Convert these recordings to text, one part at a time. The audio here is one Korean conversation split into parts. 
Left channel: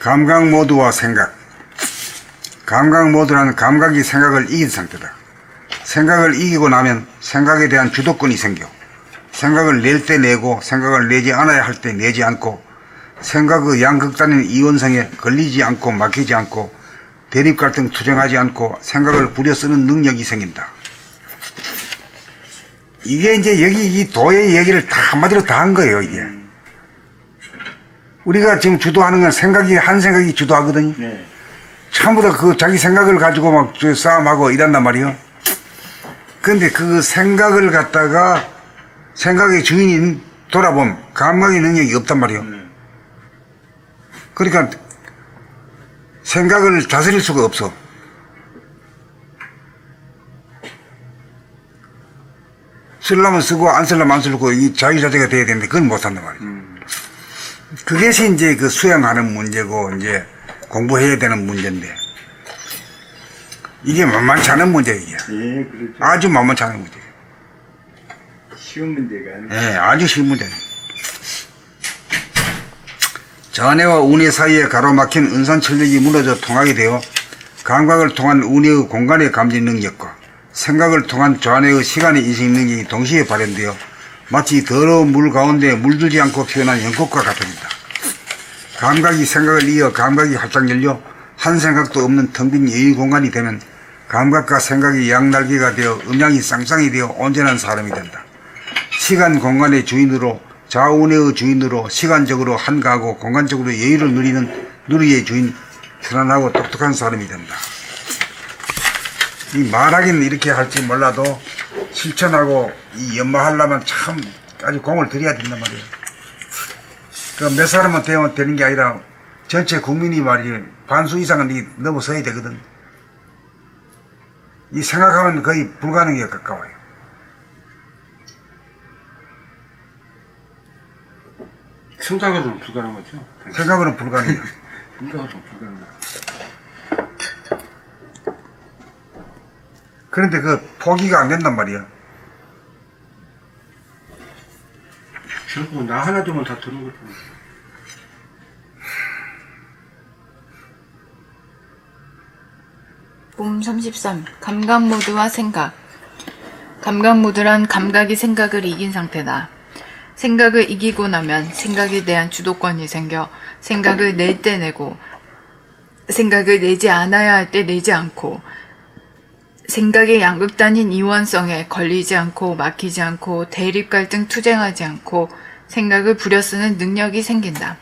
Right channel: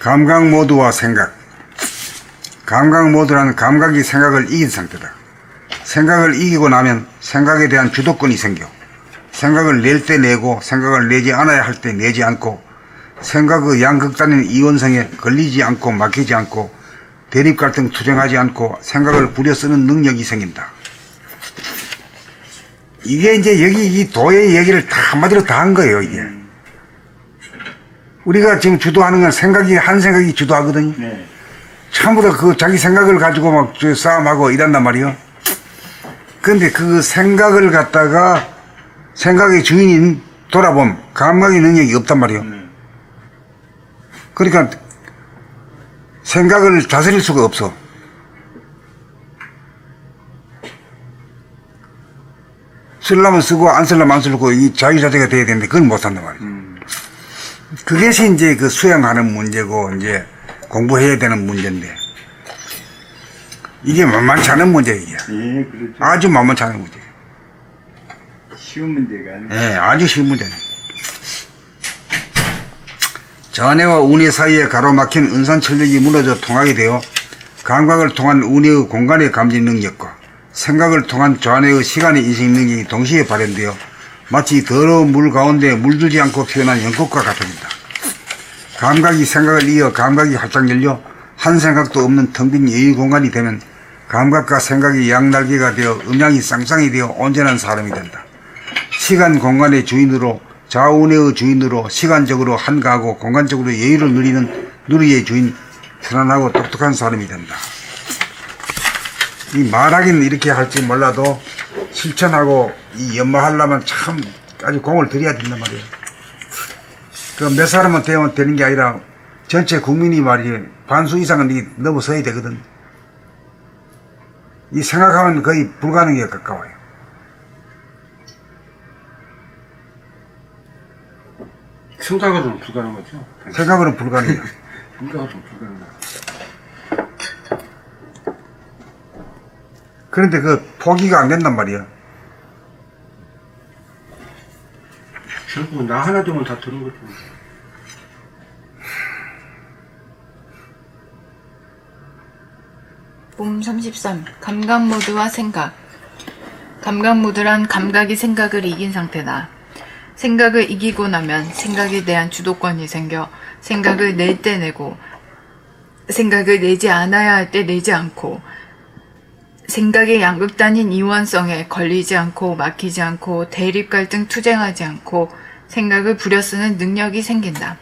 감각 모드와 생각. 감각 모드란 감각이 생각을 이긴 상태다. 생각을 이기고 나면 생각에 대한 주도권이 생겨 생각을 낼 때 내고 생각을 내지 않아야 할 때 내지 않고 생각의 양극단인 이원성에 걸리지 않고 막히지 않고 대립 갈등 투쟁하지 않고 생각을 부려 쓰는 능력이 생긴다. 이게 이제 여기 이 도의 얘기를 다 한마디로 다 한 거예요, 이게. 우리가 지금 주도하는 건 생각이, 한 생각이 주도하거든요. 네. 전부 다 그 자기 생각을 가지고 막 싸움하고 이란단 말이에요. 그런데 그 생각을 갖다가 생각의 주인인 돌아보면 감각의 능력이 없단 말이에요. 그러니까 생각을 다스릴 수가 없어. 쓰려면 쓰고 안 쓰려면 안 쓰고 이 자유자재가 돼야 되는데 그건 못 산단 말이에요. 그것이 이제 그 수행하는 문제고 이제 공부해야 되는 문제인데 이게 만만치 않은 문제예요. 예, 그렇죠. 아주 만만치 않은 문제. 쉬운 문제가 아니고. 예, 아주 쉬운 문제네. 좌뇌와 우뇌 사이에 가로막힌 은산철력이 무너져 통하게 되어 감각을 통한 우뇌의 공간의 감지 능력과 생각을 통한 좌뇌의 시간의 인식 능력이 동시에 발현되어 마치 더러운 물 가운데 물들지 않고 피어난 연꽃과 같습니다. 감각이 생각을 이어 감각이 활짝 열려 한 생각도 없는 텅 빈 여유 공간이 되면 감각과 생각이 양날개가 되어 음양이 쌍쌍이 되어 온전한 사람이 된다. 시간 공간의 주인으로 좌우뇌의 주인으로 시간적으로 한가하고 공간적으로 여유를 누리는 누리의 주인 편안하고 똑똑한 사람이 된다. 이 말하기는 이렇게 할지 몰라도 실천하고 이 연마하려면 참 아주 공을 들여야 된단 말이에요. 그 몇 사람은 되는 게 아니라 전체 국민이 말이지 반수 이상은 넘어서야 되거든. 이 생각하면 거의 불가능에 가까워요. 생각으로는 불가능하죠. 생각으로는 불가능해요. 생각으로는 불가능하죠. 그런데 그 포기가 안 된단 말이야. 결국은 나 하나 두면 다 들은 거죠. 봄 33. 감각 모드와 생각. 감각 모드란 감각이 생각을 이긴 상태다. 생각을 이기고 나면 생각에 대한 주도권이 생겨 생각을 낼 때 내고 생각을 내지 않아야 할 때 내지 않고 생각의 양극단인 이원성에 걸리지 않고 막히지 않고 대립 갈등 투쟁하지 않고 생각을 부려쓰는 능력이 생긴다.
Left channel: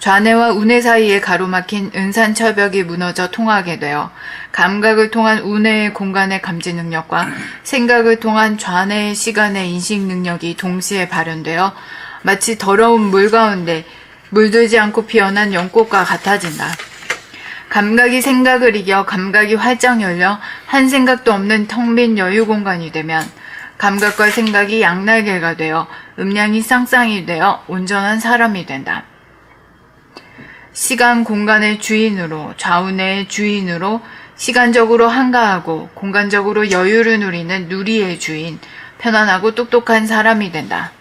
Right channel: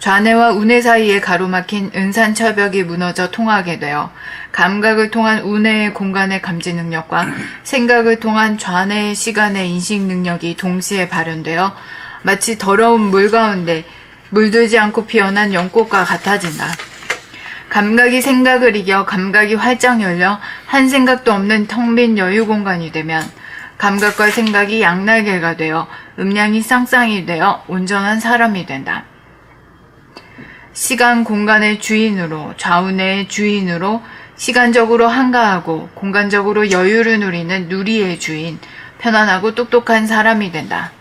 좌뇌와 우뇌 사이에 가로막힌 은산철벽이 무너져 통하게 되어 감각을 통한 우뇌의 공간의 감지 능력과 생각을 통한 좌뇌의 시간의 인식 능력이 동시에 발현되어 마치 더러운 물 가운데 물들지 않고 피어난 연꽃과 같아진다. 감각이 생각을 이겨 감각이 활짝 열려 한 생각도 없는 텅 빈 여유 공간이 되면 감각과 생각이 양날개가 되어 음량이 쌍쌍이 되어 온전한 사람이 된다. 시간 공간의 주인으로 좌우뇌의 주인으로 시간적으로 한가하고 공간적으로 여유를 누리는 누리의 주인, 편안하고 똑똑한 사람이 된다.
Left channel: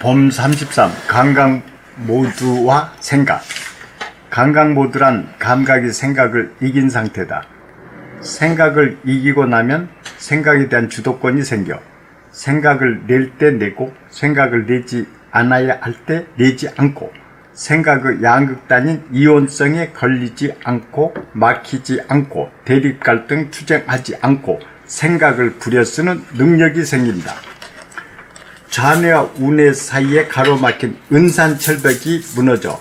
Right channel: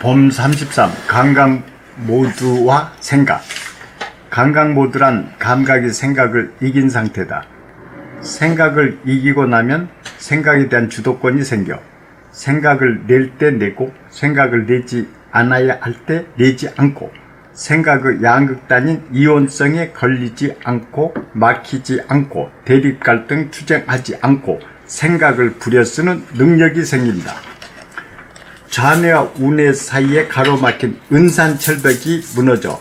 봄 33. 감각 모드와 생각. 감각 모드란 감각이 생각을 이긴 상태다. 생각을 이기고 나면 생각에 대한 주도권이 생겨 생각을 낼 때 내고 생각을 내지 않아야 할 때 내지 않고 생각의 양극단인 이원성에 걸리지 않고 막히지 않고 대립 갈등 투쟁하지 않고 생각을 부려쓰는 능력이 생긴다. 좌뇌와 우뇌 사이에 가로막힌 은산철벽이 무너져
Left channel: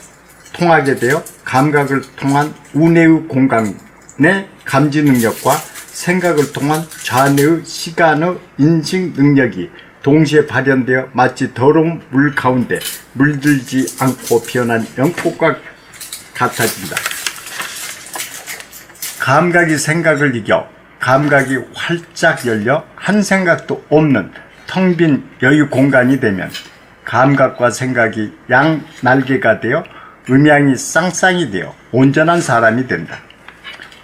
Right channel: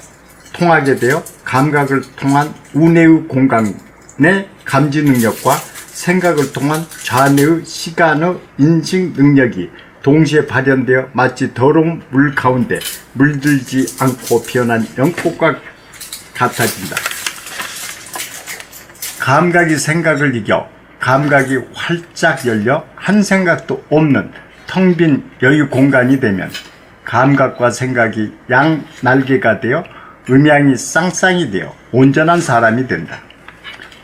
통하게 되어 감각을 통한 우뇌의 공간의 감지 능력과 생각을 통한 좌뇌의 시간의 인식 능력이 동시에 발현되어 마치 더러운 물 가운데 물들지 않고 피어난 연꽃과 같아진다. 감각이 생각을 이겨 감각이 활짝 열려 한 생각도 없는 텅 빈 여유 공간이 되면 감각과 생각이 양 날개가 되어 음양이 쌍쌍이 되어 온전한 사람이 된다.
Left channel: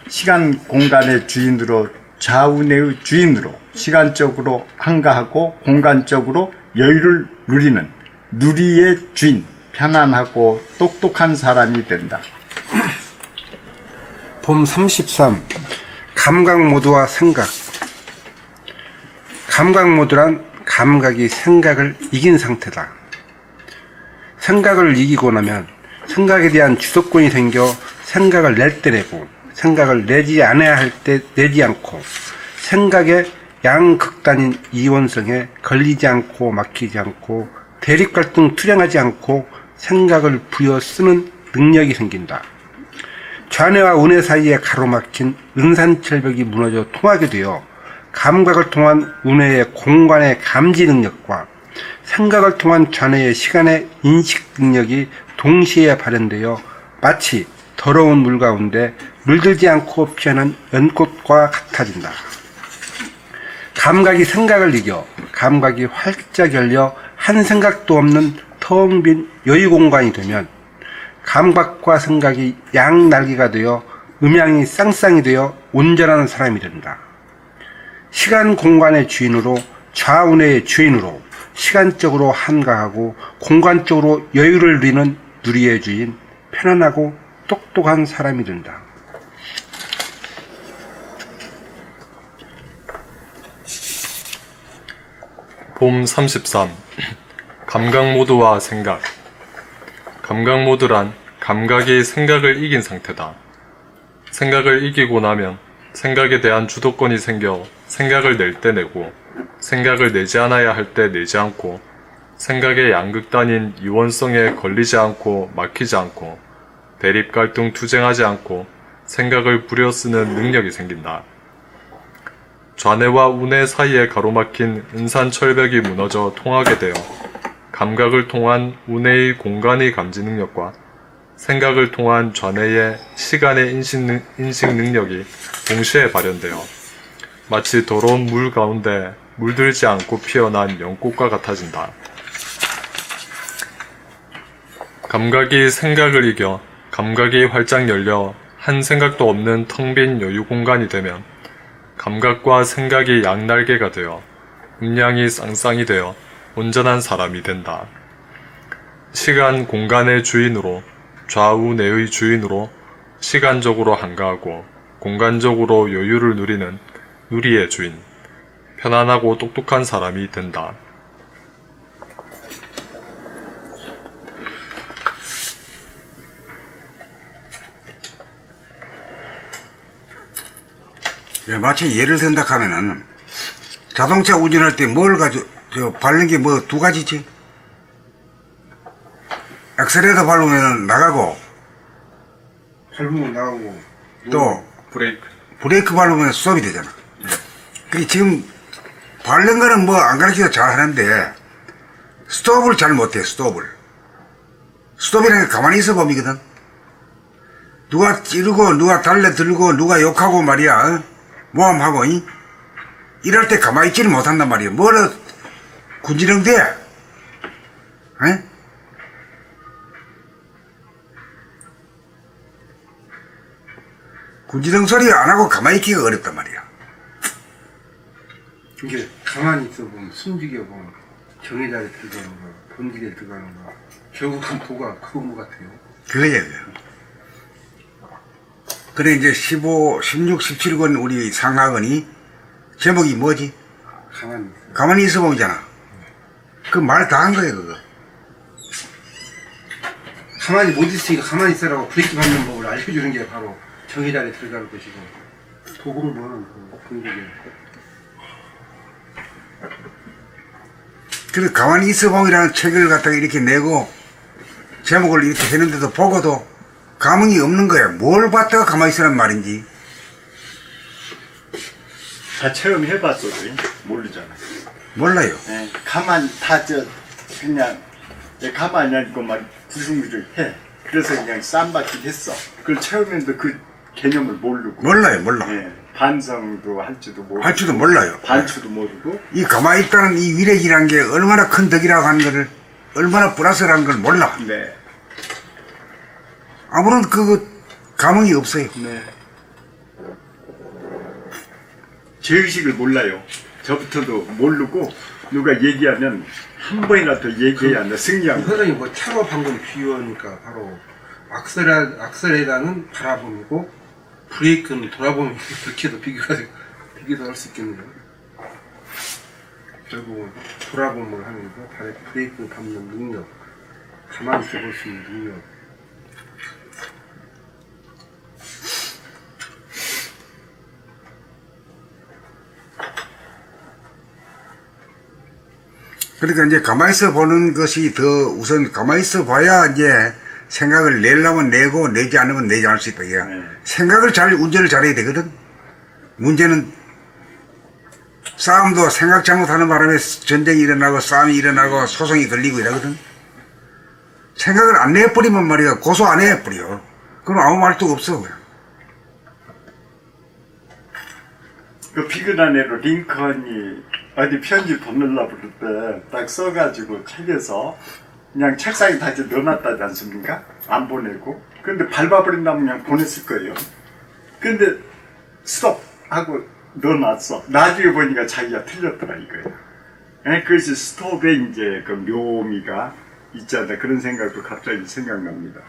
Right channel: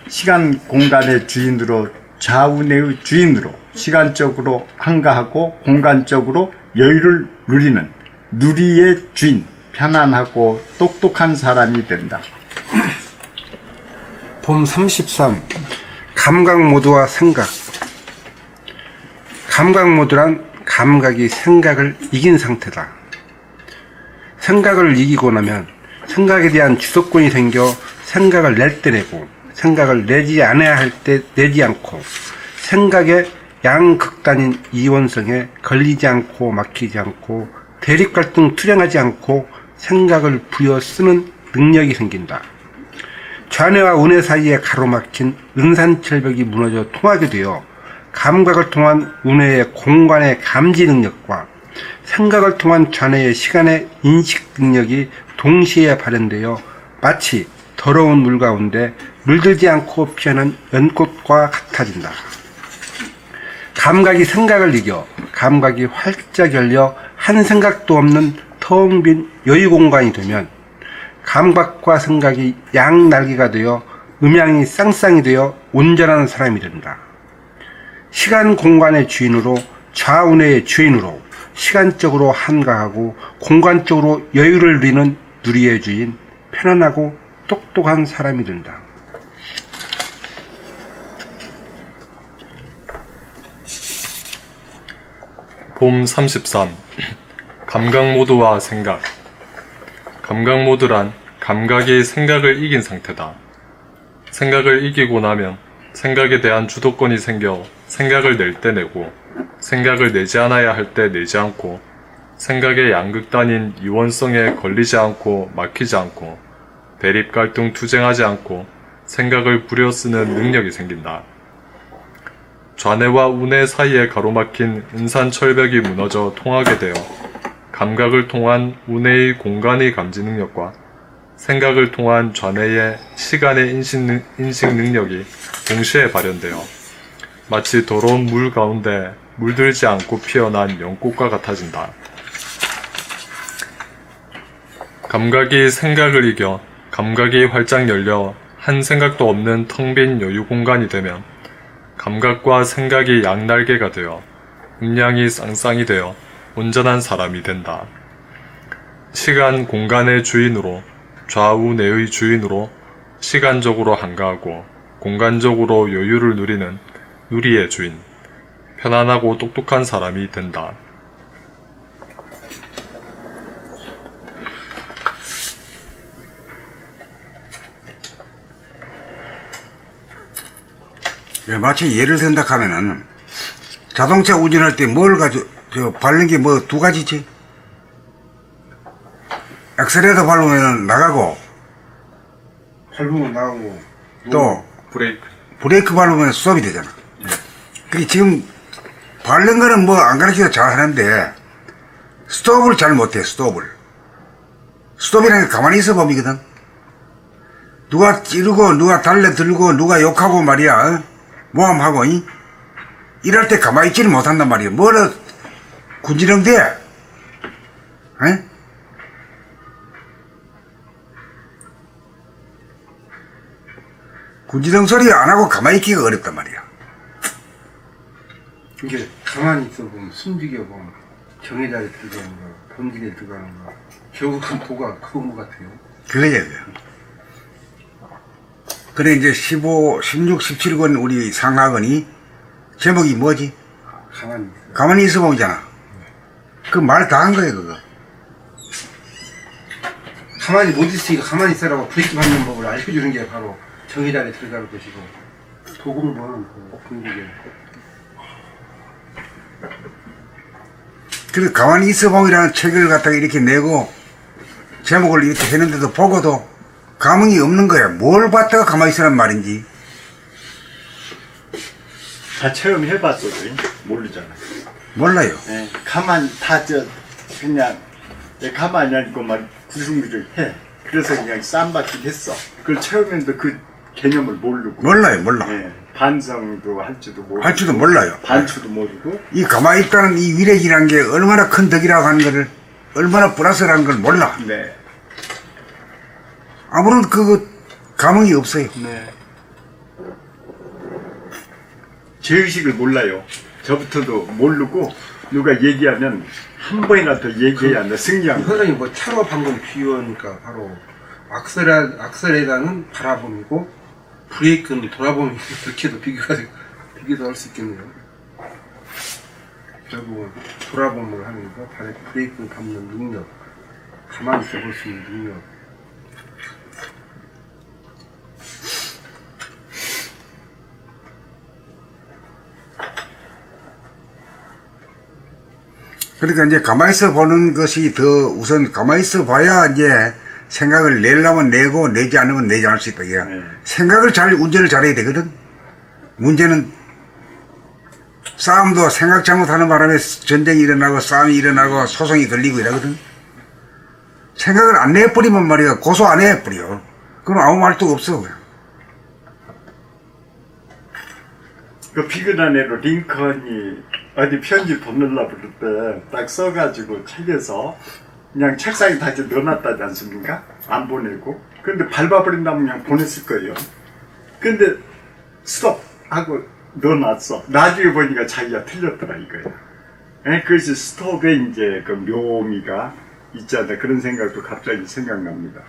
시간 공간의 주인으로 좌우내의 주인으로 시간적으로 한가하고 공간적으로 여유를 누리는 누리의 주인, 편안하고 똑똑한 사람이 된다. 봄 33. 감각 모드와 생각. 감각 모드란 감각이 생각을 이긴 상태다. 생각을 이기고 나면 생각에 대한 주도권이 생겨 생각을 낼 때 내고 생각을 내지 않아야 할 때 내지 않고 생각의 양극단인 이원성에 걸리지 않고 막히지 않고 대립갈등 투쟁하지 않고 생각을 부여 쓰는 능력이 생긴다. 좌뇌와 우뇌 사이에 가로막힌 은산철벽이 무너져 통하게 되어 감각을 통한 우뇌의 공간의 감지 능력과 생각을 통한 좌뇌의 시간의 인식 능력이 동시에 발현되어 마치 더러운 물 가운데 물들지 않고 피어난 연꽃과 같아진다. 감각이 생각을 이겨 감각이 활짝 열려 한 생각도 없는 텅 빈 여유 공간이 되면 감각과 생각이 양날개가 되어 음양이 쌍쌍이 되어 온전한 사람이 된다. 시간 공간의 주인으로 좌우뇌의 주인으로 시간적으로 한가하고 공간적으로 여유를 누리는 누리의 주인, 편안하고 똑똑한 사람이 된다. 봄 33. 감각 모드와 생각. 감각 모드란 감각이 생각을 이긴 상태다. 생각을 이기고 나면 생각에 대한 주도권이 생겨 생각을 낼 때 내고 생각을 내지 않아야 할 때 내지 않고 생각의 양극단인 이원성에 걸리지 않고 막히지 않고 대립 갈등 투쟁하지 않고 생각을 부려 쓰는 능력이 생긴다. 좌뇌와 우뇌 사이에 가로막힌 은산철벽이 무너져 통하게 되어 감각을 통한 우뇌의 공간의 감지 능력과 생각을 통한 좌뇌의 시간의 인식 능력이 동시에 발현되어 마치 더러운 물 가운데 물들지 않고 피어난 연꽃과 같아진다. 감각이 생각을 이겨 감각이 활짝 열려 한 생각도 없는 텅 빈 여유 공간이 되면 감각과 생각이 양날개가 되어 음양이 쌍쌍이 되어 온전한 사람이 된다. 시간 공간의 주인으로 좌우뇌의 주인으로 시간적으로 한가하고 공간적으로 여유를 누리는 누리의 주인, 편안하고 똑똑한 사람이 된다. 네, 마치 예를 든다 하면은 자동차 운전할 때 뭘 밟는 게 뭐 두 가지지? 엑셀레이터 밟으면 나가고 밟으면 나오고 또 브레이크 밟으면 스톱이 되잖아. 근데 지금 밟는 거는 뭐 안 가르쳐도 잘 하는데 스톱을 잘 못해. 스톱이라는 게 가만히 있어 봄이거든. 누가 찌르고 누가 달려들고 누가 욕하고 말이야. 모함하고 이럴 때 가만히 있지는 못한단 말이야. 뭐라 군지렁 돼? 군지렁 소리 안 하고 가만히 있기가 어렵단 말이야. 이제 가만히 있어 보면 숨지게 보면 정의당에 들어가는 거, 본직에 들어가는 거, 결국은 도가 그건 것 같아요. 그거야. 그래 이제 15, 16, 17권 우리 상하권이 제목이 뭐지? 가만히 있어 보잖아. 그 말 다 한 거야 그거. 가만히 못 있으니까 가만히 있으라고 계속 받는 법을 알려주는 게 바로 정의당에 들어가는 것이고 도구를 보는 그 본직에. 그래 가만히 있어 보이라는 책을 갖다가 이렇게 내고 제목을 이렇게 했는데도 보고도 감흥이 없는 거야. 뭘 봤다가 가만히 있으란 말인지. 다 체험해봤어도 모르잖아요. 몰라요. 네, 가만히 그냥 가만히 앉고 막 구승구를 해. 그래서 그냥 쌈박질 했어. 그걸 체험했는데 그 개념을 모르고. 몰라. 네, 반성도 할지도 모르고. 할지도 몰라요. 반수도 모르고. 이 가만히 있다는 이 위력이란 게 얼마나 큰 덕이라고 하는 거를, 얼마나 플러스라는 걸 몰라. 네. 아무런 감흥이 없어요. 네. 죄의식을 몰라요. 저부터도 모르고 누가 얘기하면 한 번이라도 얘기해야 한다. 승리한 거. 선생님 뭐 차로 방금 비유하니까 바로 악셀에다는 바라봄이고 브레이크는 돌아보는 이렇게도 비교도 할 수 있겠네요. 결국 돌아보면 하는 거, 브레이크 밟는 능력, 가만히 있어 볼 수 있는 능력. 그러니까 이제 가만히 있어 보는 것이 더 우선 가만히 있어 봐야 이제 생각을 내려면 내고 내지 않으면 내지 않을 수 있다. 이게. 생각을 운전을 잘해야 되거든. 문제는 싸움도 생각 잘못하는 바람에 전쟁이 일어나고 싸움이 일어나고 소송이 걸리고 이러거든. 생각을 안 내버리면 말이야 고소 안 해버려. 그럼 아무 말도 없어. 그 비근한애로 링컨이 어디 편지 보내려고 그럴 때 딱 써가지고 찾아서 그냥 책상에 다시 넣어놨다지 않습니까? 안 보내고. 근데 밟아버린다면 그냥 보냈을 거예요. 근데 스톱! 하고 넣어놨어. 나중에 보니까 자기가 틀렸더라 이거야. 그것이 스톱에 이제 그 묘미가 있잖아. 그런 생각도 갑자기 생각납니다.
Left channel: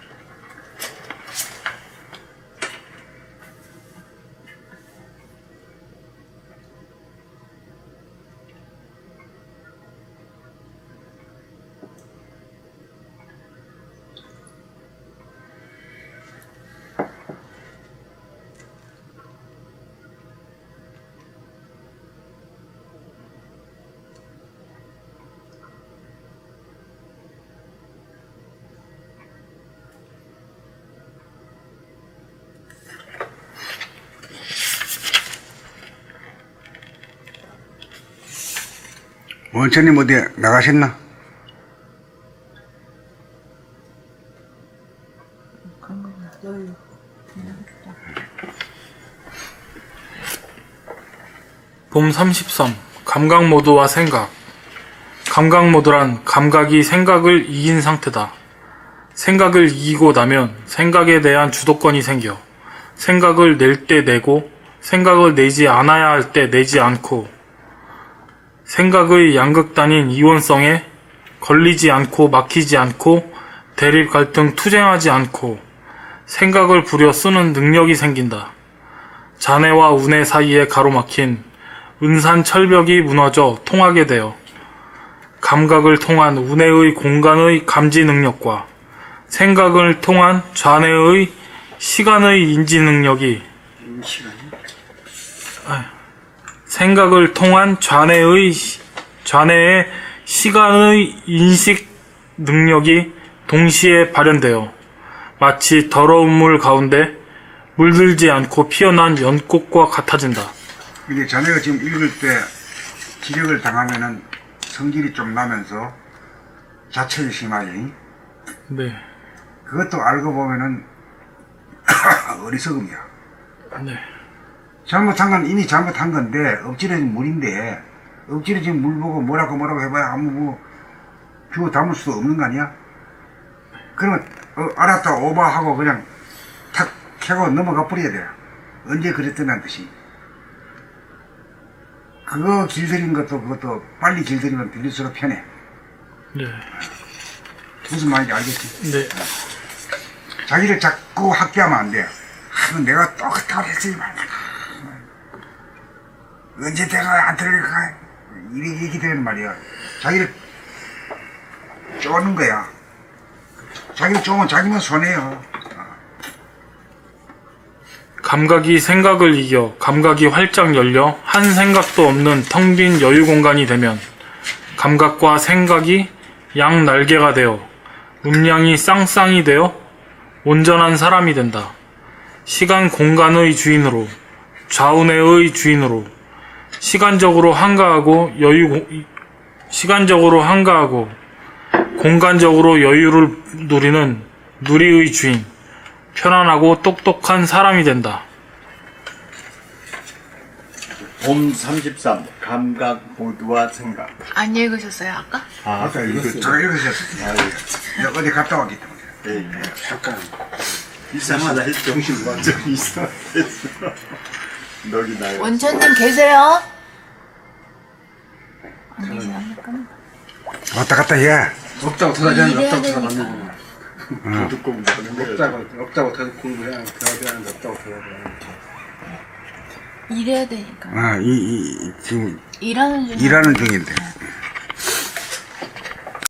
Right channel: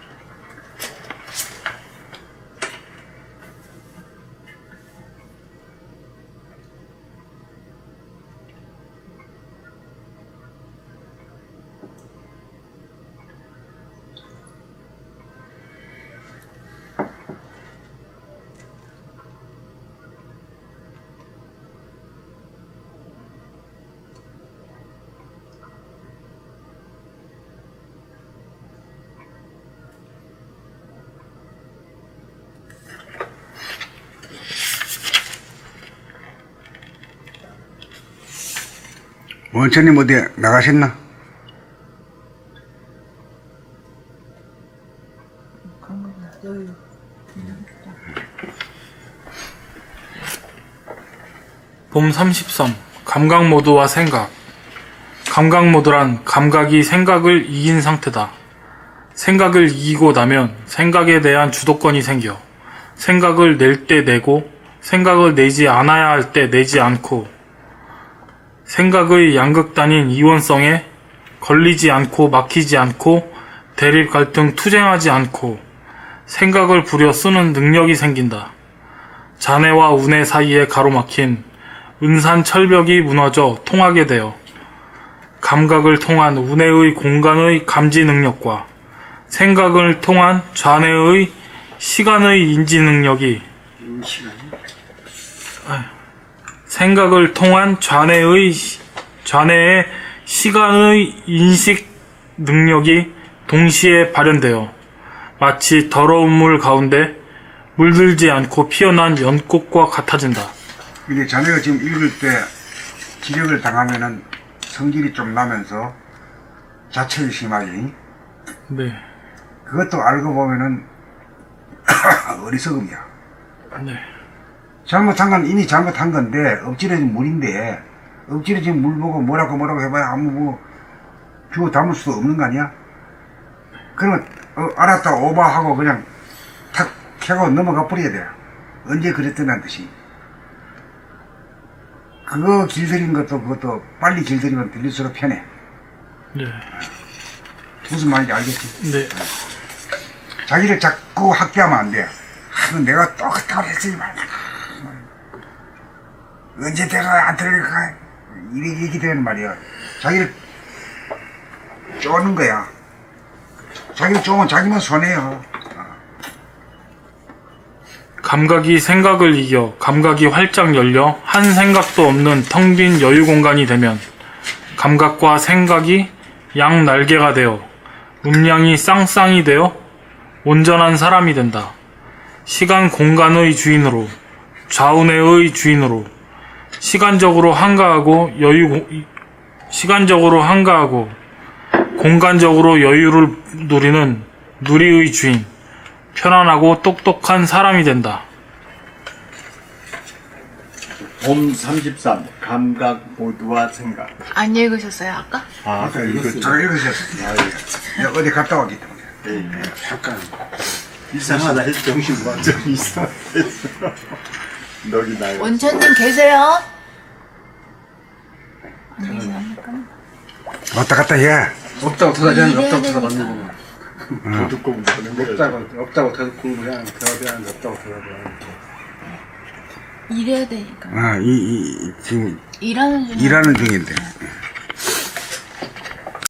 원천님 어디 나가셨나? 봄 33. 감각모드와 생각. 감각모드란 감각이 생각을 이긴 상태다. 생각을 이기고 나면 생각에 대한 주도권이 생겨 생각을 낼 때 내고 생각을 내지 않아야 할 때 내지 않고 생각의 양극단인 이원성에 걸리지 않고 막히지 않고 대립 갈등 투쟁하지 않고 생각을 부려 쓰는 능력이 생긴다. 잔해와 운해 사이에 가로막힌 은산 철벽이 무너져 통하게 되어 감각을 통한 운해의 공간의 감지 능력과 생각을 통한 잔해의 시간의 인지 능력이 생각을 통한 잔해의 시간의 인식 능력이 동시에 발현되어 마치 더러운 물 가운데 물들지 않고 피어난 연꽃과 같아진다. 근데 자네가 지금 읽을 때 기력을 당하면은 성질이 좀 나면서 자책이 심하니 네. 그것도 알고 보면은 어리석음이야. 네. 잘못한 건 이미 잘못한 건데 엎질러진 물인데 엎질러진 물 보고 뭐라고 해봐야 아무 뭐 비워 담을 수도 없는 거 아니야? 그러면 알았다 오바하고 그냥 탁 캐고 넘어가 버려야 돼. 언제 그랬더란 뜻이. 그거 길들인 것도 그것도 빨리 길들이면 들릴수록 편해. 네. 무슨 말인지 알겠지? 네. 자기를 자꾸 학대하면 안 돼. 그럼 내가 똑같다고 했지. 언제 내가 안 들릴까? 이렇게 되는 말이야. 자기를 쪼는 거야. 자기를 쪼면 자기만 손해요. 감각이 생각을 이겨 감각이 활짝 열려 한 생각도 없는 텅 빈 여유 공간이 되면 감각과 생각이 양 날개가 되어 음량이 쌍쌍이 되어 온전한 사람이 된다. 시간 공간의 주인으로 좌우내의 주인으로 시간적으로 한가하고 공간적으로 여유를 누리는 누리의 주인, 편안하고 똑똑한 사람이 된다. 봄 33. 감각 모두와 생각. 안 읽으셨어요, 아까? 아까 읽었죠. 잘 읽으셨어. 어디 갔다 왔기 때문에. 네. 잠깐. 이상하다 했죠. 정신 못 좀 이상하다 했어. 너기 나요. 원천님 계세요? 안 계시답니까? 왔다 갔다 해. 없다고 들어가지 않는데 없다고 들어가지 않는데 듣고 있는 거예요. 없다고 계속 공부를 하는 들어가지 않는데 없다고 들어가지 않는데 일해야 되니까. 지금 일하는 중. 일하는 중인데.